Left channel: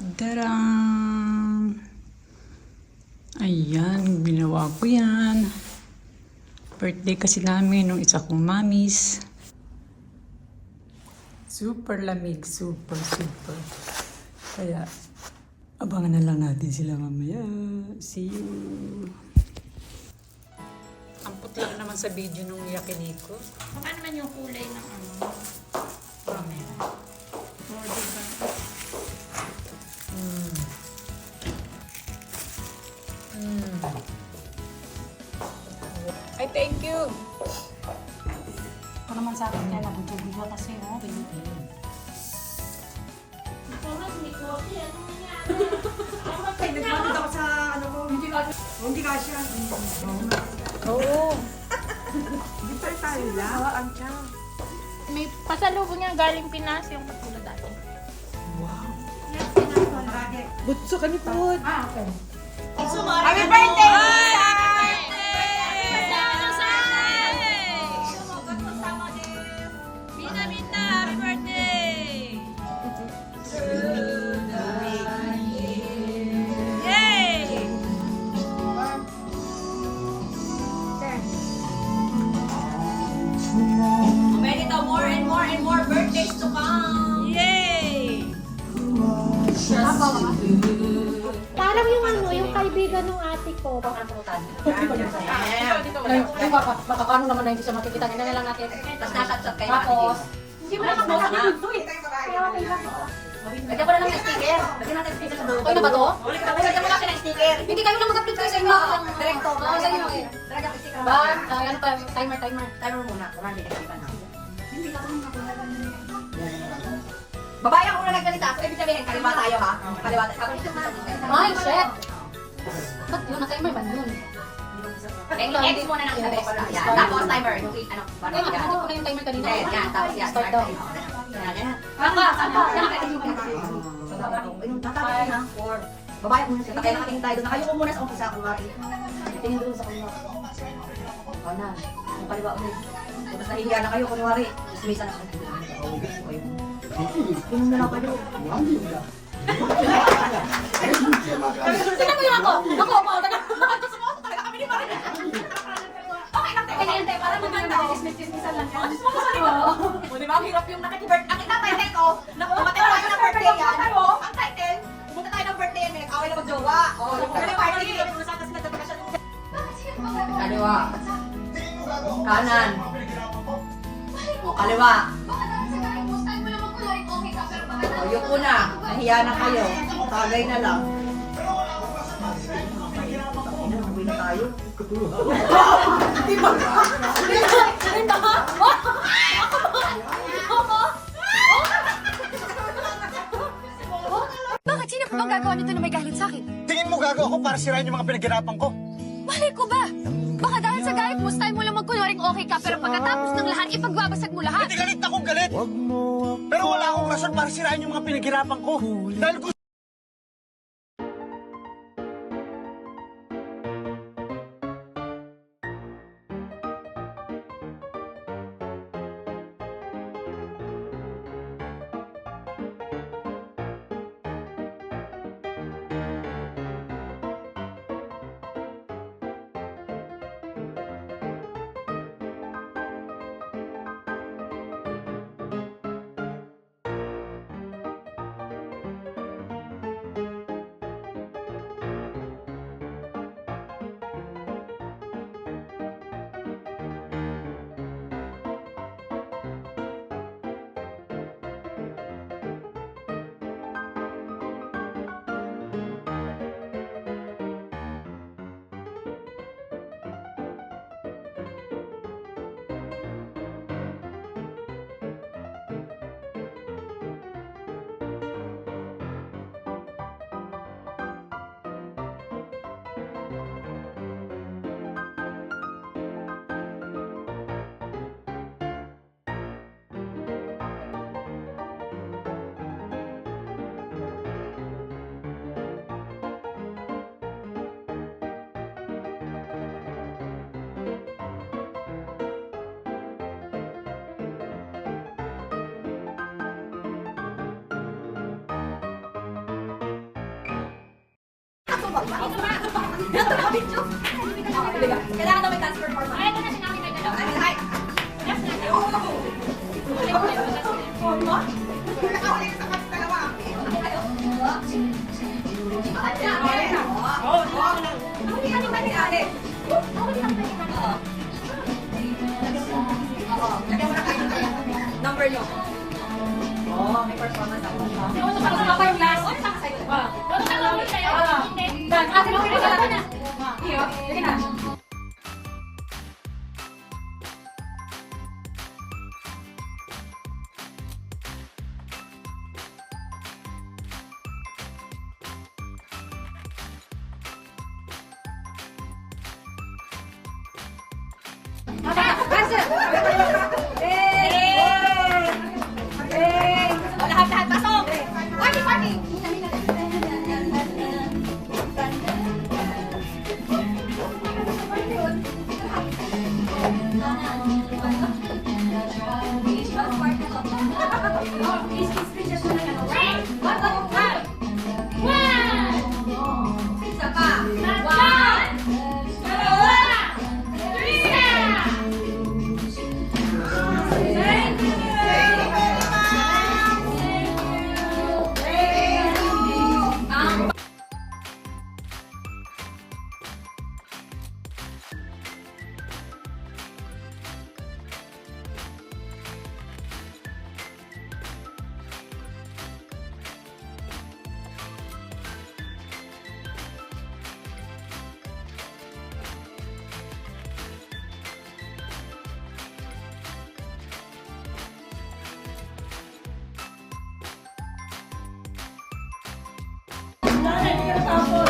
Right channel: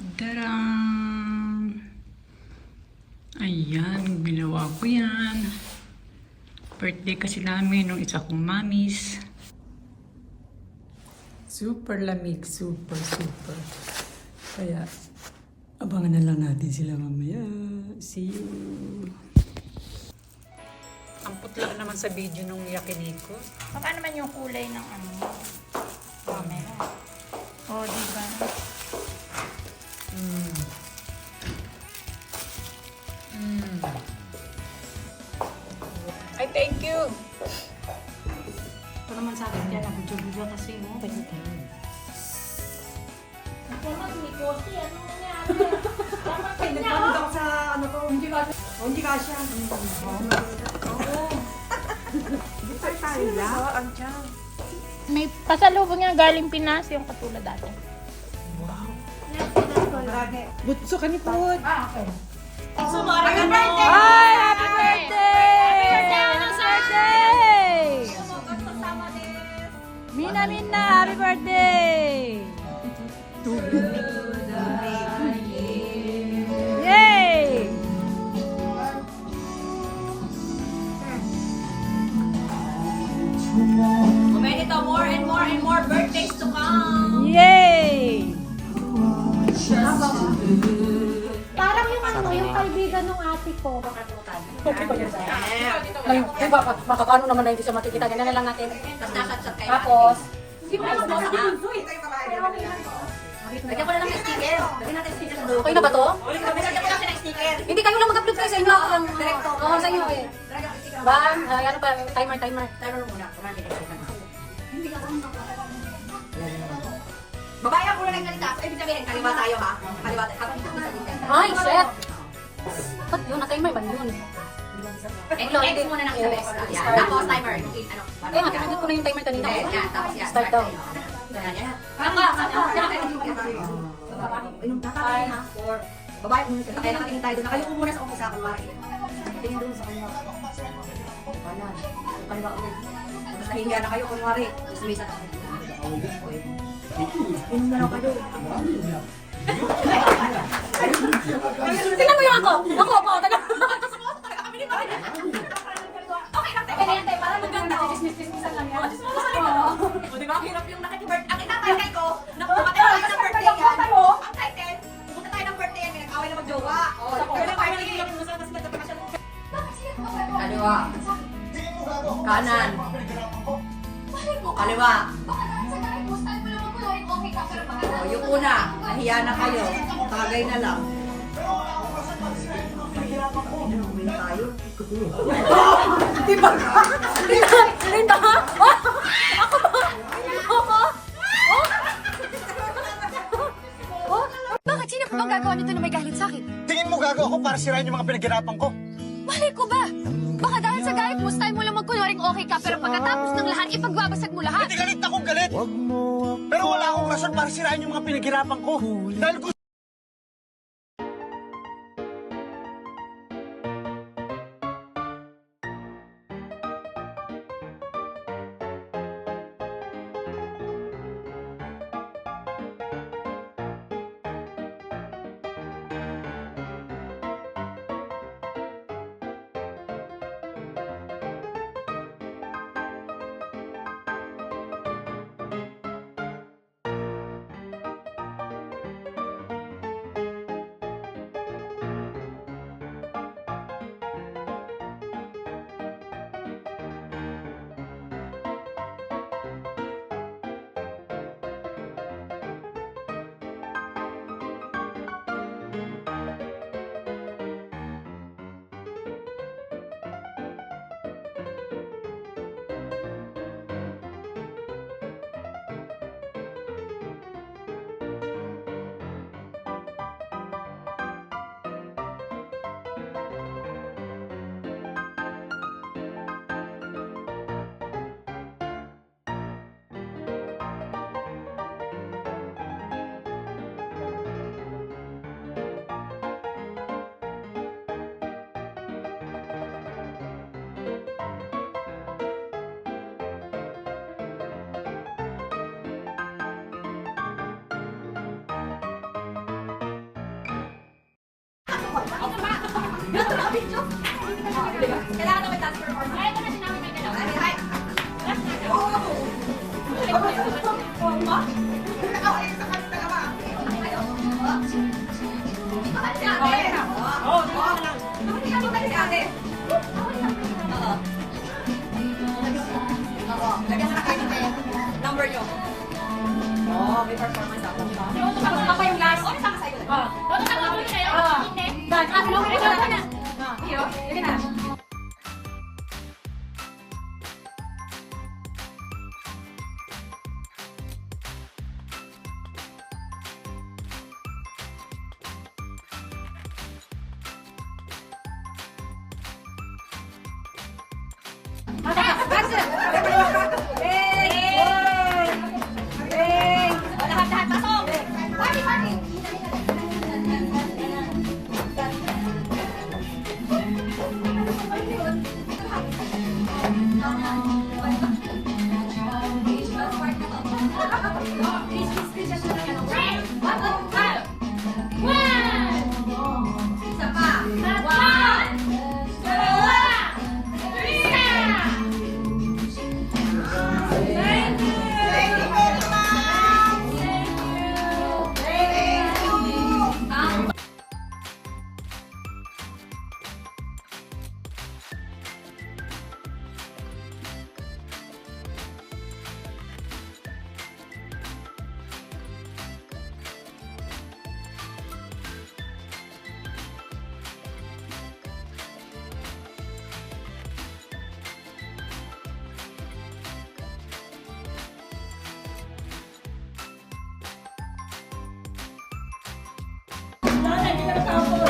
Darang! Ayan, ginawa ko yan. Birthday kasi namin nung isa kong mamis. Super lamig, super. Kaya, abangan na lang natin sila mamaya. See you! Ang putla naman sa video nung yakiniko. Baka naman yung kulay ng ano. Oh, diba? Ay, thank you! Ito naman sa akin yan. Video kasi mo. Nagmamag ako sa ano ko, hindi ka siya. Oo. Hindi pa tayo lang. May pasalubong nga galing Pinas yung katulad dati. Butso kami po. Happy Happy birthday! Happy birthday! Mina, happy birthday! Yay! Benito, more and more birthdays to come. Yay! Parang yung ano, yung kaibigan ng ate ko. Paano naman na hindi siya makikita? Ganyan na lang natin. Tapos nakachat kayo. Tapos, lagyan ko na lang ng sticker. Lagyan natin sticker sa dulo. Kayo na ba to? Lagyan mo lang ng sticker. Hindi kayo lang mag-upload kayo sa inyo. Direkto. Oo, sa inyo eh. Bam, ano pa, timer muna. Babae ako na nagsalita. So, ibig sabihin, kaliwa tayo ha? Kaliwa tayo. Ako dito sa sticker. Ay, shit! Ba't yun? Na-timer ba yun? X muna ng isa best. Yan. Tapos timer. Ano? Ano ko na yung timer kanina? Yan. Tapos yan. Start daw. Yan. Papa! Ayun, tatapos na. Or, babae ko muna. Kaya nakatingin tayo doon. Nakayuko muna sa office ako. Tingin doon sa kanya. Ano? Kaliwa ulit. Tapos nahihiya na kayo. Kunwari. Tapos may isa na kayo. Tingin na lang kayo. Tingnan mo yung ako. Ako po. Okay lang tayo. Hintay para maganda. Dismiss-dismissan lang yan. O diba? Ang hirap yung nakikibirthday. Ang itatay ko, pumatay tayo ng birthday yan. Ang title, pumunta tayo ng birthday yan. May nag-away na mag-jowa. O, pero party. Kaliwa. Kanan. Kaliwa. O, yung una. Nahiya na kayo. Tagay na lang. Uwi na tayo. Di ba? Salita ka? Bakit? Sino pa bang gagawa nito na may galit sa akin? Tingin mo gago ako para sirain yung mga pinaghirapan ko? Malay ko ba? Baka dahil sa galit mo, style mo lang magkunwaring okay ka, pero pagkatapos ng lahat, ipagbabasag mo lahat. Hindi galit akong galit. Pero wala akong rason para sirain yung mga pinaghirapan ko. Dahil gusto Kailangan na may transfer form. Ay, ito na sinabi na gano'n. Ay, number nyo. Oh, may performance ako. Ako yung last. Ano sa sa'yo? Ano sa loob sa'yo? Hindi. Sige na. Lahat, pasok! Party, party! Isa pa. One, two, three. Thank you. Thank you very much. Thank you. Nanay, hindi ka natapos.